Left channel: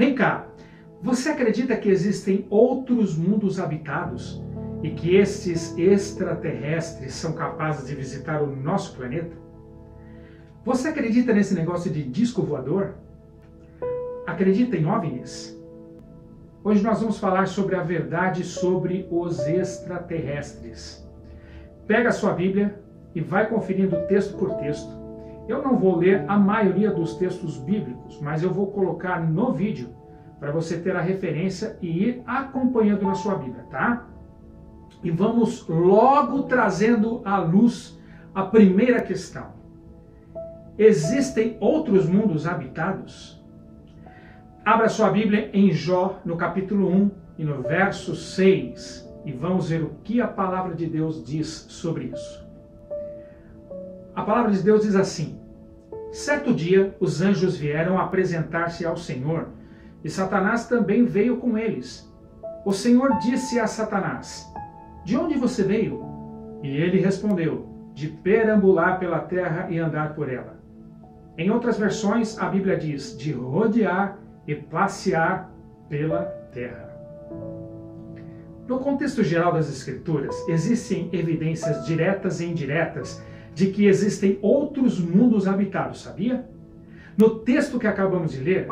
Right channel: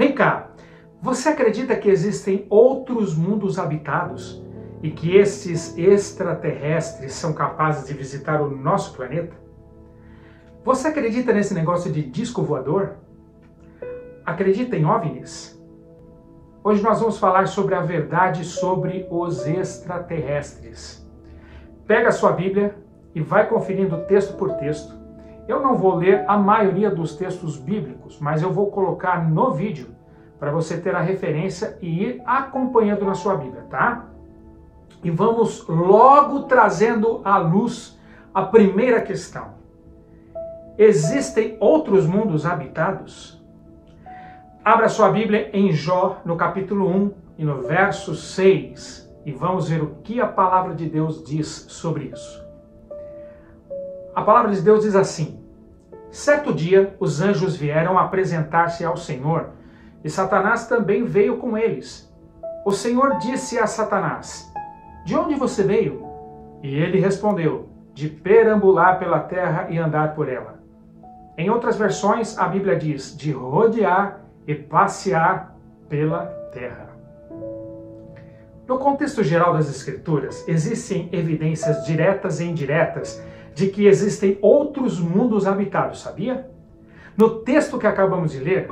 Vem cá, você acredita que existem outros mundos habitados e que esses extraterrestres são capazes de visitar o nosso planeta? Você acredita nesse negócio de disco voador? Acredita em OVNIs? Hoje nós vamos falar sobre a verdade sobre os extraterrestres. Pega a sua Bíblia e vai conferindo texto por texto. Eu não vou ler a maioria dos textos bíblicos, mas eu vou colocar no vídeo para você ter a referência e ir acompanhando na sua Bíblia, tá? E vamos logo trazendo à luz a primeira questão. Existem outros mundos habitados? Abra sua Bíblia em Jó, no capítulo 1 e no verso 6, e vamos ver o que a palavra de Deus diz sobre isso. A palavra de Deus diz assim: certo dia os anjos vieram apresentar-se ao Senhor, e Satanás também veio com eles. O Senhor disse a Satanás: de onde você veio? E ele respondeu: de perambular pela terra e andar por ela. Em outras versões, a Bíblia diz: de rodear e passear pela terra. No contexto geral das Escrituras, existem evidências diretas e indiretas de que existem outros mundos habitados, sabia? No texto que acabamos de ler,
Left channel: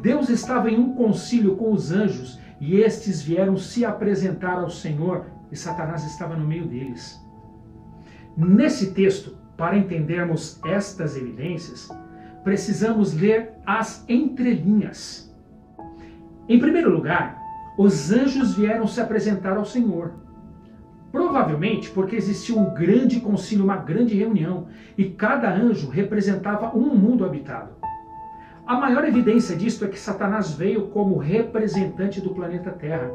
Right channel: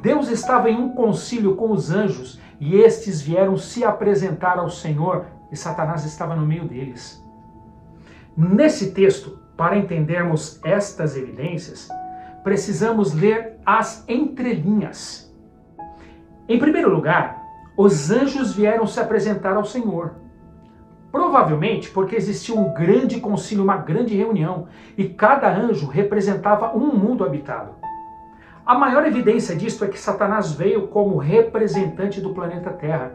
Deus estava em um concílio com os anjos e estes vieram se apresentar ao Senhor e Satanás estava no meio deles. Nesse texto, para entendermos estas evidências, precisamos ler as entrelinhas. Em primeiro lugar, os anjos vieram se apresentar ao Senhor. Provavelmente porque existia um grande concílio, uma grande reunião, e cada anjo representava um mundo habitado. A maior evidência disto é que Satanás veio como representante do planeta Terra.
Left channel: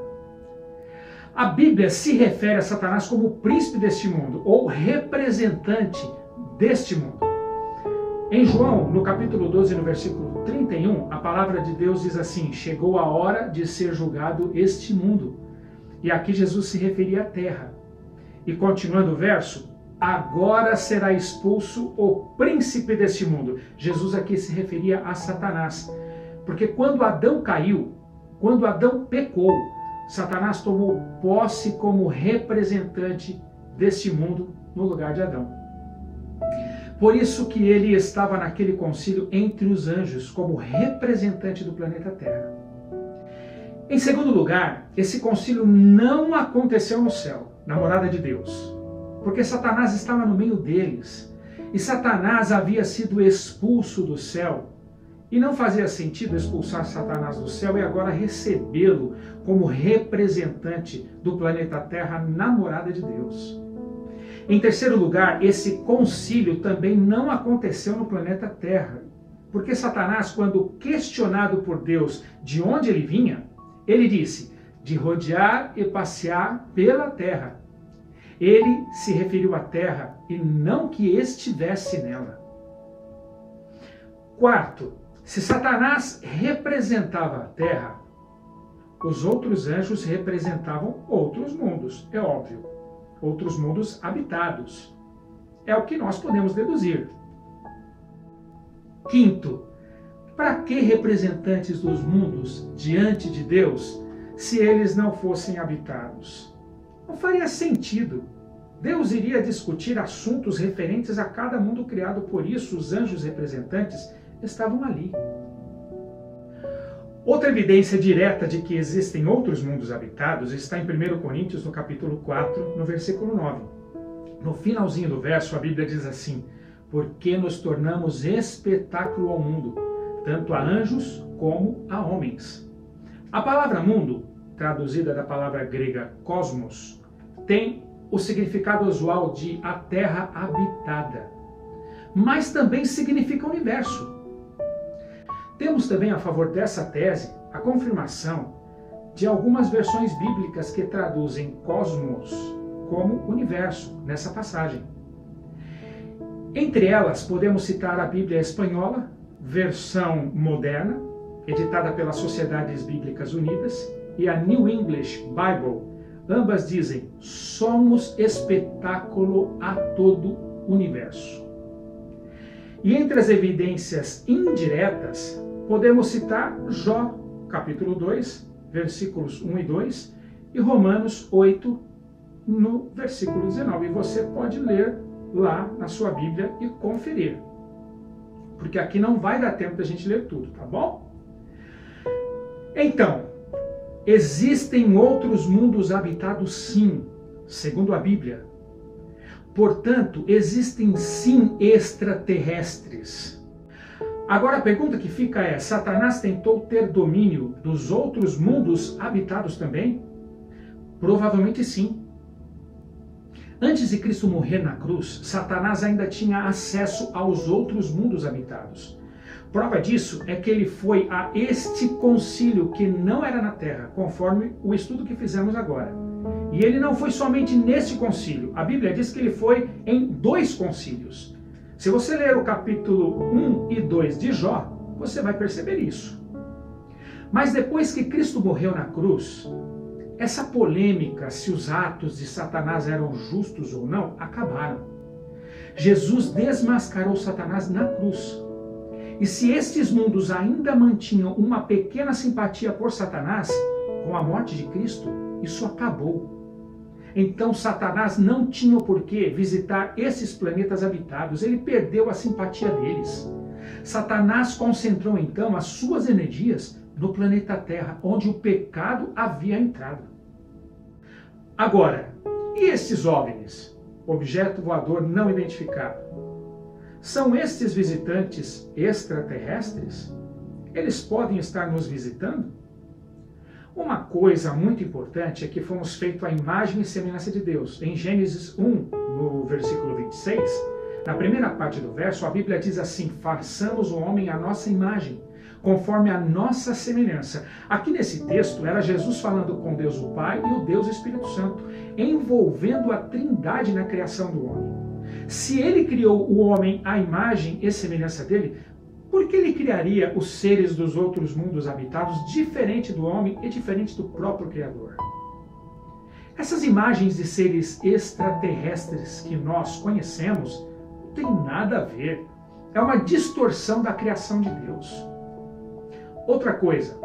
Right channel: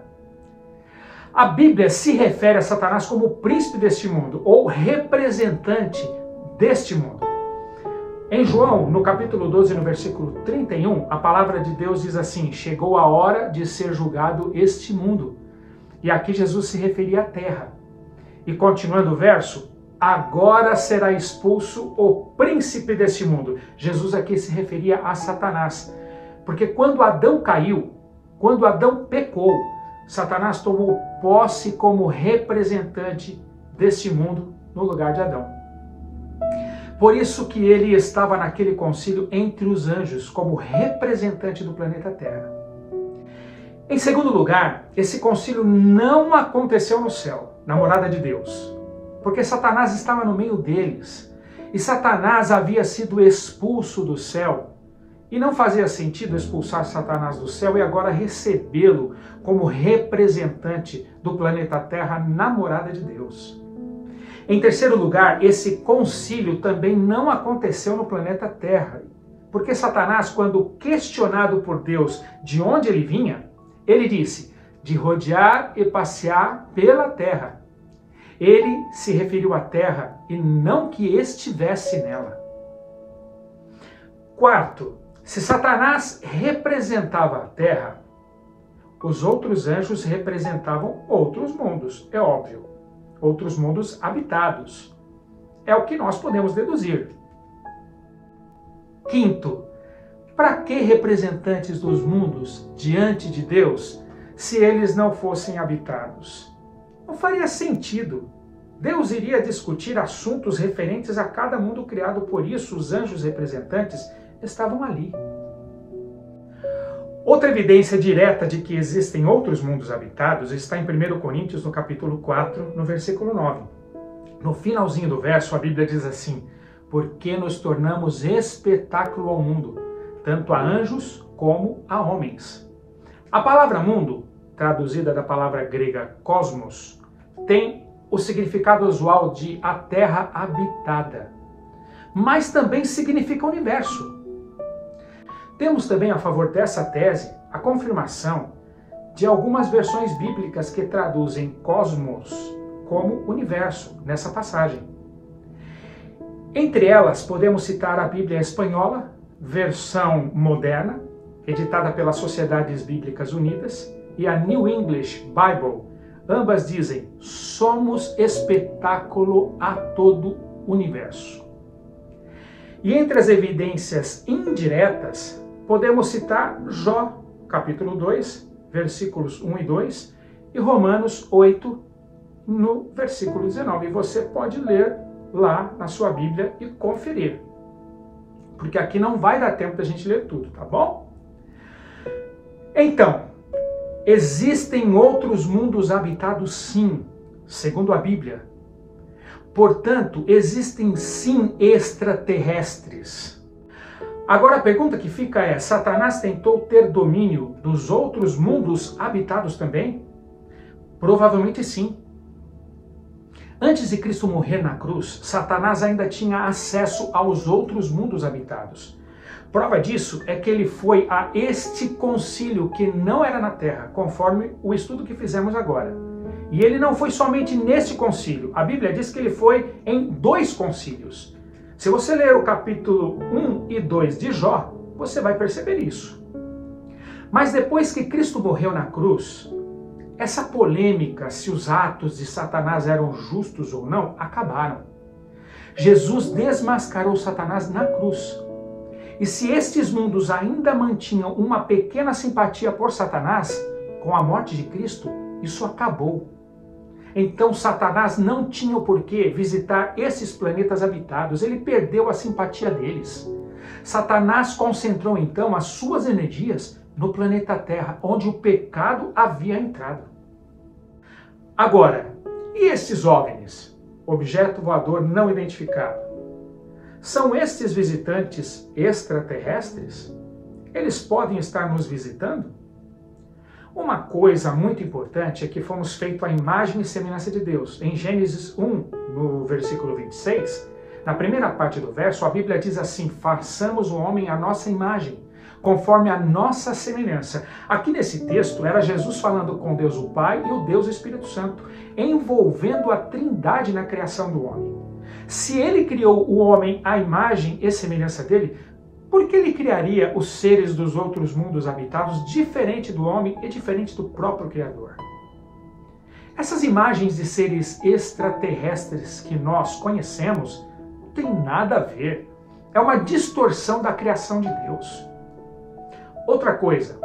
A Bíblia se refere a Satanás como o príncipe deste mundo, ou representante deste mundo. Em João, no capítulo 12, no versículo 31, a palavra de Deus diz assim: chegou a hora de ser julgado este mundo. E aqui Jesus se referia à terra. E continuando o verso, agora será expulso o príncipe deste mundo. Jesus aqui se referia a Satanás. Porque quando Adão caiu, quando Adão pecou, Satanás tomou posse como representante deste mundo no lugar de Adão. Por isso que ele estava naquele concílio entre os anjos, como representante do planeta Terra. Em segundo lugar, esse concílio não aconteceu no céu, na morada de Deus, porque Satanás estava no meio deles, e Satanás havia sido expulso do céu, e não fazia sentido expulsar Satanás do céu e agora recebê-lo como representante do planeta Terra na morada de Deus. Em terceiro lugar, esse concílio também não aconteceu no planeta Terra, porque Satanás, quando questionado por Deus de onde ele vinha, ele disse: de rodear e passear pela terra. Ele se referiu à terra e não que estivesse nela. Quarto, se Satanás representava a terra, os outros anjos representavam outros mundos, é óbvio. Outros mundos habitados. É o que nós podemos deduzir. Quinto, para que representantes dos mundos diante de Deus se eles não fossem habitados? Não faria sentido. Deus iria discutir assuntos referentes a cada mundo criado, por isso os anjos representantes estavam ali. Outra evidência direta de que existem outros mundos habitados está em 1 Coríntios, no capítulo 4, no versículo 9. No finalzinho do verso, a Bíblia diz assim: porque nos tornamos espetáculo ao mundo, tanto a anjos como a homens. A palavra mundo, traduzida da palavra grega cosmos, tem o significado usual de a terra habitada, mas também significa universo. Temos também a favor dessa tese a confirmação de algumas versões bíblicas que traduzem cosmos como universo nessa passagem. Entre elas, podemos citar a Bíblia espanhola, versão moderna, editada pelas Sociedades Bíblicas Unidas, e a New English Bible. Ambas dizem: somos espetáculo a todo o universo. E entre as evidências indiretas, podemos citar Jó, capítulo 2, versículos 1 e 2, e Romanos 8, no versículo 19. E você pode ler lá na sua Bíblia e conferir, porque aqui não vai dar tempo da gente ler tudo, tá bom? Então, existem outros mundos habitados sim, segundo a Bíblia. Portanto, existem sim extraterrestres. Agora a pergunta que fica é: Satanás tentou ter domínio dos outros mundos habitados também? Provavelmente sim. Antes de Cristo morrer na cruz, Satanás ainda tinha acesso aos outros mundos habitados. Prova disso é que ele foi a este concílio que não era na Terra, conforme o estudo que fizemos agora. E ele não foi somente neste concílio. A Bíblia diz que ele foi em 2 concílios. Se você ler o capítulo 1 e 2 de Jó, você vai perceber isso. Mas depois que Cristo morreu na cruz, essa polêmica se os atos de Satanás eram justos ou não, acabaram. Jesus desmascarou Satanás na cruz. E se estes mundos ainda mantinham uma pequena simpatia por Satanás, com a morte de Cristo, isso acabou. Então Satanás não tinha o porquê visitar esses planetas habitados, ele perdeu a simpatia deles. Satanás concentrou então as suas energias no planeta Terra, onde o pecado havia entrado. Agora, e esses OVNIs, objeto voador não identificado? São estes visitantes extraterrestres? Eles podem estar nos visitando? Uma coisa muito importante é que fomos feitos à imagem e semelhança de Deus. Em Gênesis 1, no versículo 26, na primeira parte do verso, a Bíblia diz assim: façamos o homem à nossa imagem, conforme a nossa semelhança. Aqui nesse texto era Jesus falando com Deus o Pai e o Deus o Espírito Santo, envolvendo a Trindade na criação do homem. Se ele criou o homem à imagem e semelhança dele, por que ele criaria os seres dos outros mundos habitados diferente do homem e diferente do próprio Criador? Essas imagens de seres extraterrestres que nós conhecemos não tem nada a ver. É uma distorção da criação de Deus. Outra coisa,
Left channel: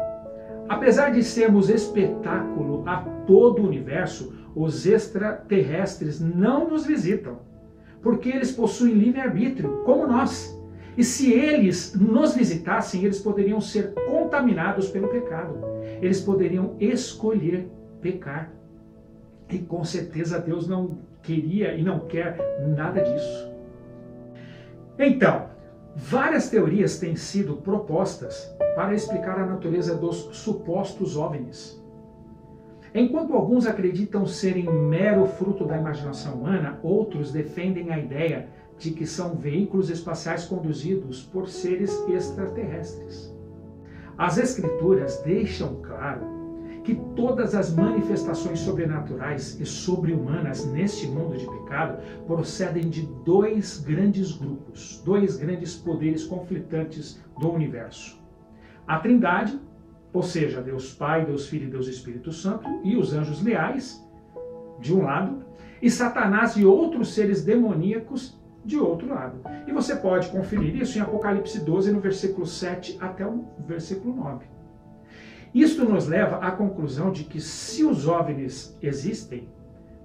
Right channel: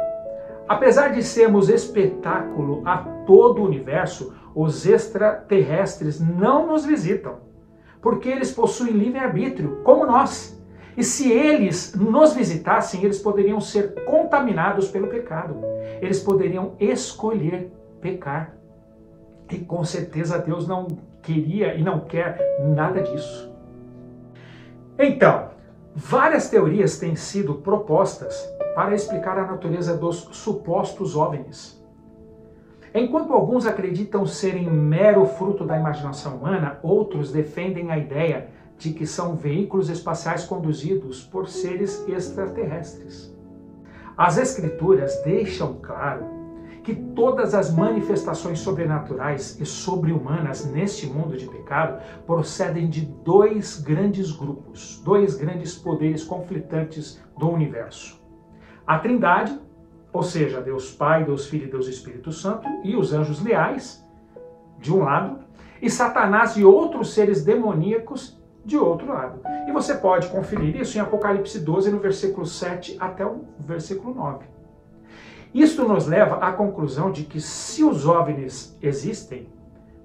apesar de sermos espetáculo a todo o universo, os extraterrestres não nos visitam, porque eles possuem livre-arbítrio, como nós. E se eles nos visitassem, eles poderiam ser contaminados pelo pecado. Eles poderiam escolher pecar. E com certeza Deus não queria e não quer nada disso. Então, várias teorias têm sido propostas para explicar a natureza dos supostos OVNIs. Enquanto alguns acreditam serem mero fruto da imaginação humana, outros defendem a ideia de que são veículos espaciais conduzidos por seres extraterrestres. As Escrituras deixam claro que todas as manifestações sobrenaturais e sobre-humanas neste mundo de pecado procedem de 2 grandes grupos, 2 grandes poderes conflitantes do universo. A Trindade, ou seja, Deus Pai, Deus Filho e Deus Espírito Santo, e os anjos leais, de um lado, e Satanás e outros seres demoníacos, de outro lado. E você pode conferir isso em Apocalipse 12, no versículo 7 até o versículo 9. Isto nos leva à conclusão de que se os OVNIs existem,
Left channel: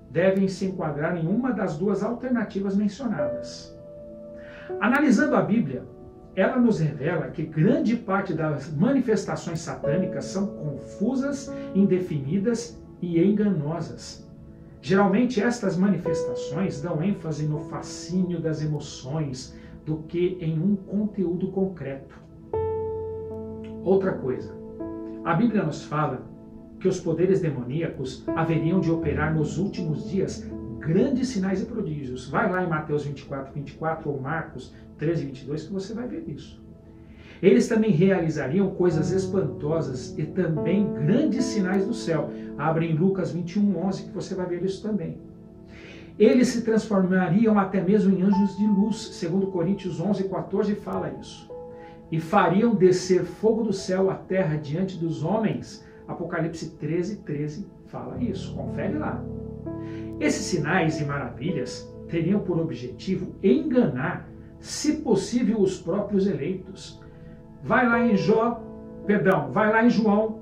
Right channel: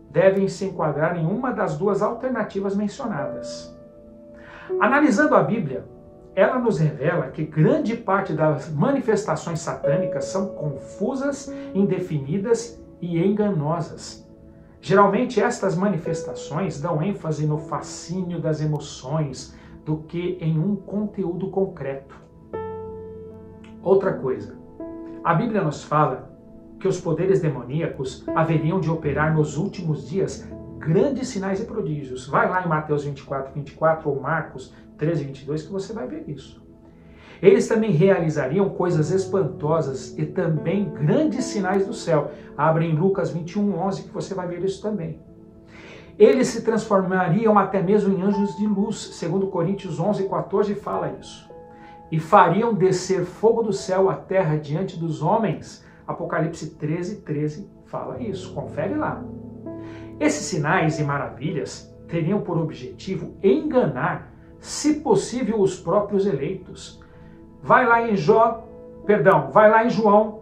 devem se enquadrar em uma das 2 alternativas mencionadas. Analisando a Bíblia, ela nos revela que grande parte das manifestações satânicas são confusas, indefinidas e enganosas. Geralmente estas manifestações dão ênfase no fascínio das emoções do que em um conteúdo concreto. Outra coisa, a Bíblia nos fala que os poderes demoníacos haveriam de operar nos últimos dias grandes sinais e prodígios. Vai lá em Mateus 24, 24 ou Marcos 13, 22 que você vai ver isso. Eles também realizariam coisas espantosas e também grandes sinais do céu. Abre em Lucas 21, 11 que você vai ver isso também. Eles se transformariam até mesmo em anjos de luz, segundo Coríntios 11, 14 fala isso. E fariam descer fogo do céu à terra diante dos homens. Apocalipse 13, 13 fala isso. Confere lá. Esses sinais e maravilhas teriam por objetivo enganar, se possível, os próprios eleitos. Vai lá em Jó Perdão, vai lá em João,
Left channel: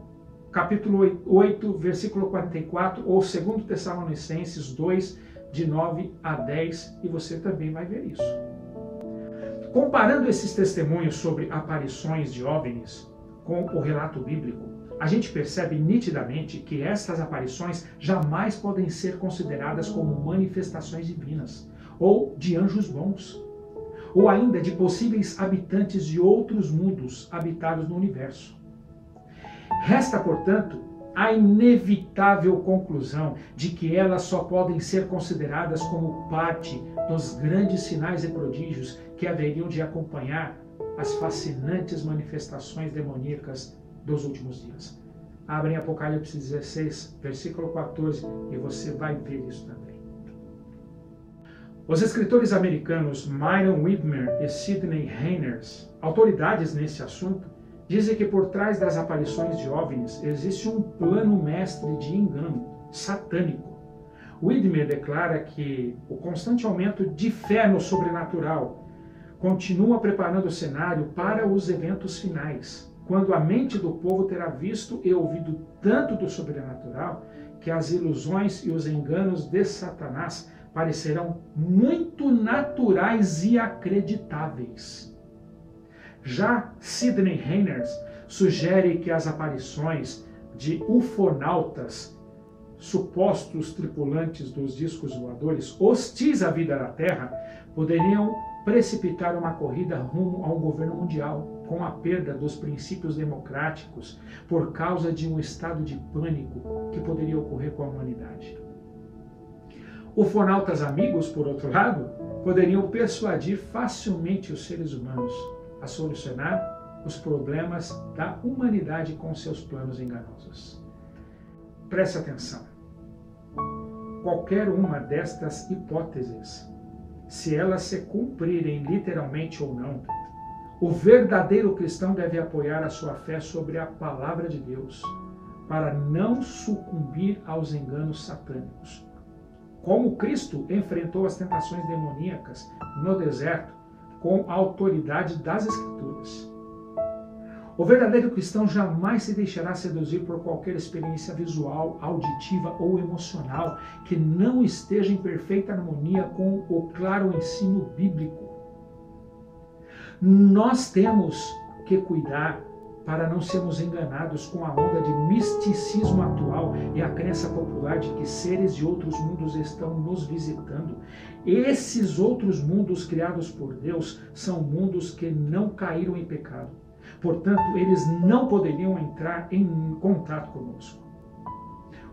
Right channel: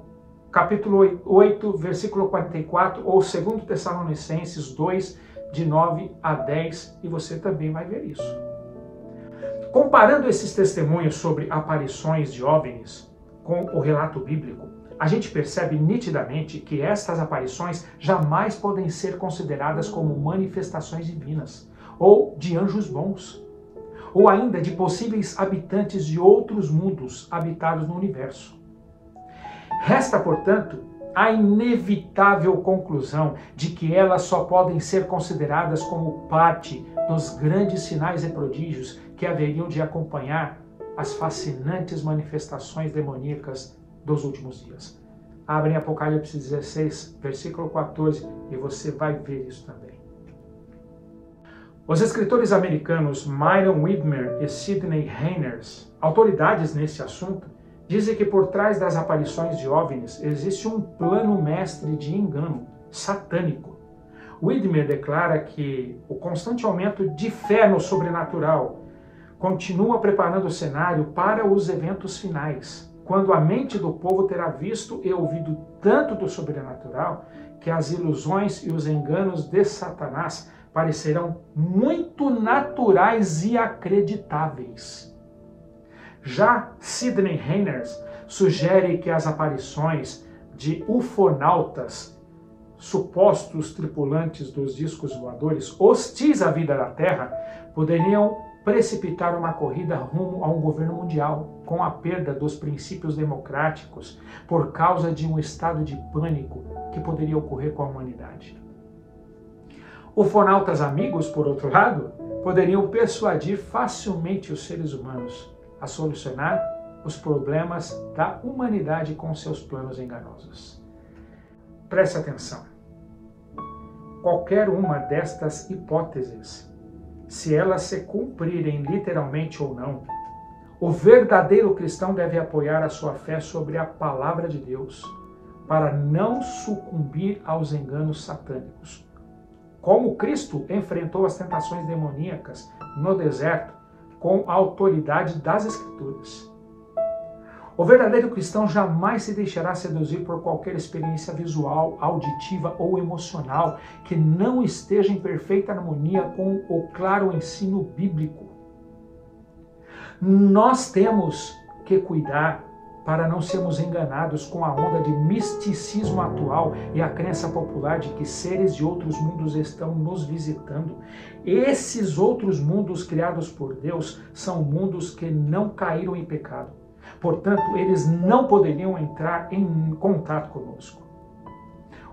capítulo 8, versículo 44, ou 2 Tessalonicenses 2, de 9 a 10, e você também vai ver isso. Comparando esses testemunhos sobre aparições de OVNIs com o relato bíblico, a gente percebe nitidamente que estas aparições jamais podem ser consideradas como manifestações divinas, ou de anjos bons, ou ainda de possíveis habitantes de outros mundos habitados no universo. Resta, portanto, a inevitável conclusão de que elas só podem ser consideradas como parte dos grandes sinais e prodígios que haveriam de acompanhar as fascinantes manifestações demoníacas dos últimos dias. Abre em Apocalipse 16, versículo 14, e você vai ver isso também. Os escritores americanos Myron Widmer e Sidney Heiners, autoridades nesse assunto, dizem que por trás das aparições de OVNIs existe um plano mestre de engano satânico. Widmer declara que o constante aumento de fé no sobrenatural continua preparando o cenário para os eventos finais, quando a mente do povo terá visto e ouvido tanto do sobrenatural que as ilusões e os enganos de Satanás parecerão muito naturais e acreditáveis. Já Sidney Heiners sugere que as aparições de ufonautas, supostos tripulantes dos discos voadores, hostis à vida da Terra, poderiam precipitar uma corrida rumo a um governo mundial, com a perda dos princípios democráticos por causa de um estado de pânico que poderia ocorrer com a humanidade. Ufonautas amigos, por outro lado, poderiam persuadir facilmente os seres humanos a solucionar os problemas da humanidade com seus planos enganosos. Preste atenção. Qualquer uma destas hipóteses, se elas se cumprirem literalmente ou não, o verdadeiro cristão deve apoiar a sua fé sobre a palavra de Deus, para não sucumbir aos enganos satânicos. Como Cristo enfrentou as tentações demoníacas no deserto com a autoridade das Escrituras. O verdadeiro cristão jamais se deixará seduzir por qualquer experiência visual, auditiva ou emocional que não esteja em perfeita harmonia com o claro ensino bíblico. Nós temos que cuidar para não sermos enganados com a onda de misticismo atual e a crença popular de que seres de outros mundos estão nos visitando. Esses outros mundos criados por Deus são mundos que não caíram em pecado. Portanto, eles não poderiam entrar em contato conosco.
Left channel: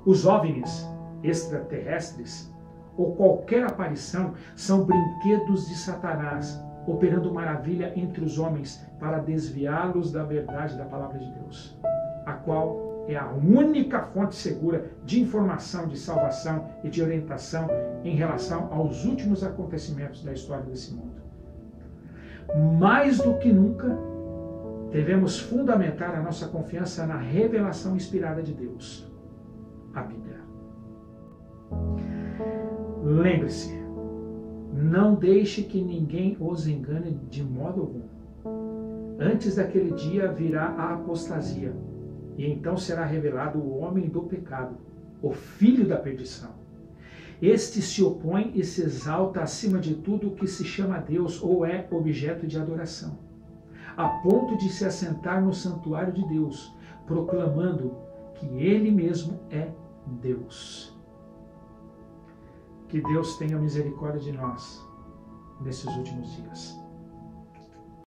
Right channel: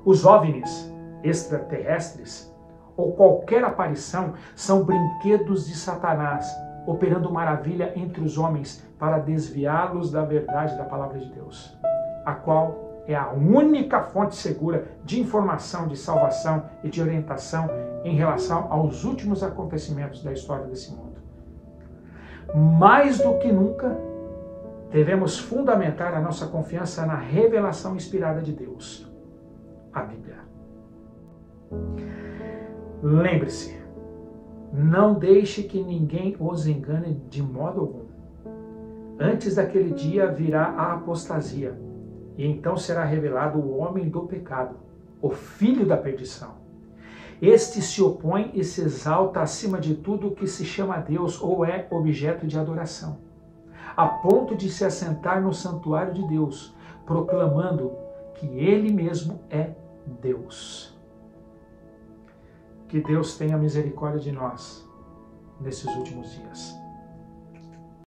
Os OVNIs extraterrestres ou qualquer aparição são brinquedos de Satanás, operando maravilha entre os homens para desviá-los da verdade da palavra de Deus, a qual é a única fonte segura de informação, de salvação e de orientação em relação aos últimos acontecimentos da história desse mundo. Mais do que nunca, devemos fundamentar a nossa confiança na revelação inspirada de Deus, a Bíblia. Lembre-se, não deixe que ninguém os engane de modo algum. Antes daquele dia virá a apostasia, e então será revelado o homem do pecado, o filho da perdição. Este se opõe e se exalta acima de tudo que se chama Deus ou é objeto de adoração, a ponto de se assentar no santuário de Deus, proclamando que Ele mesmo é Deus. Que Deus tenha misericórdia de nós nesses últimos dias.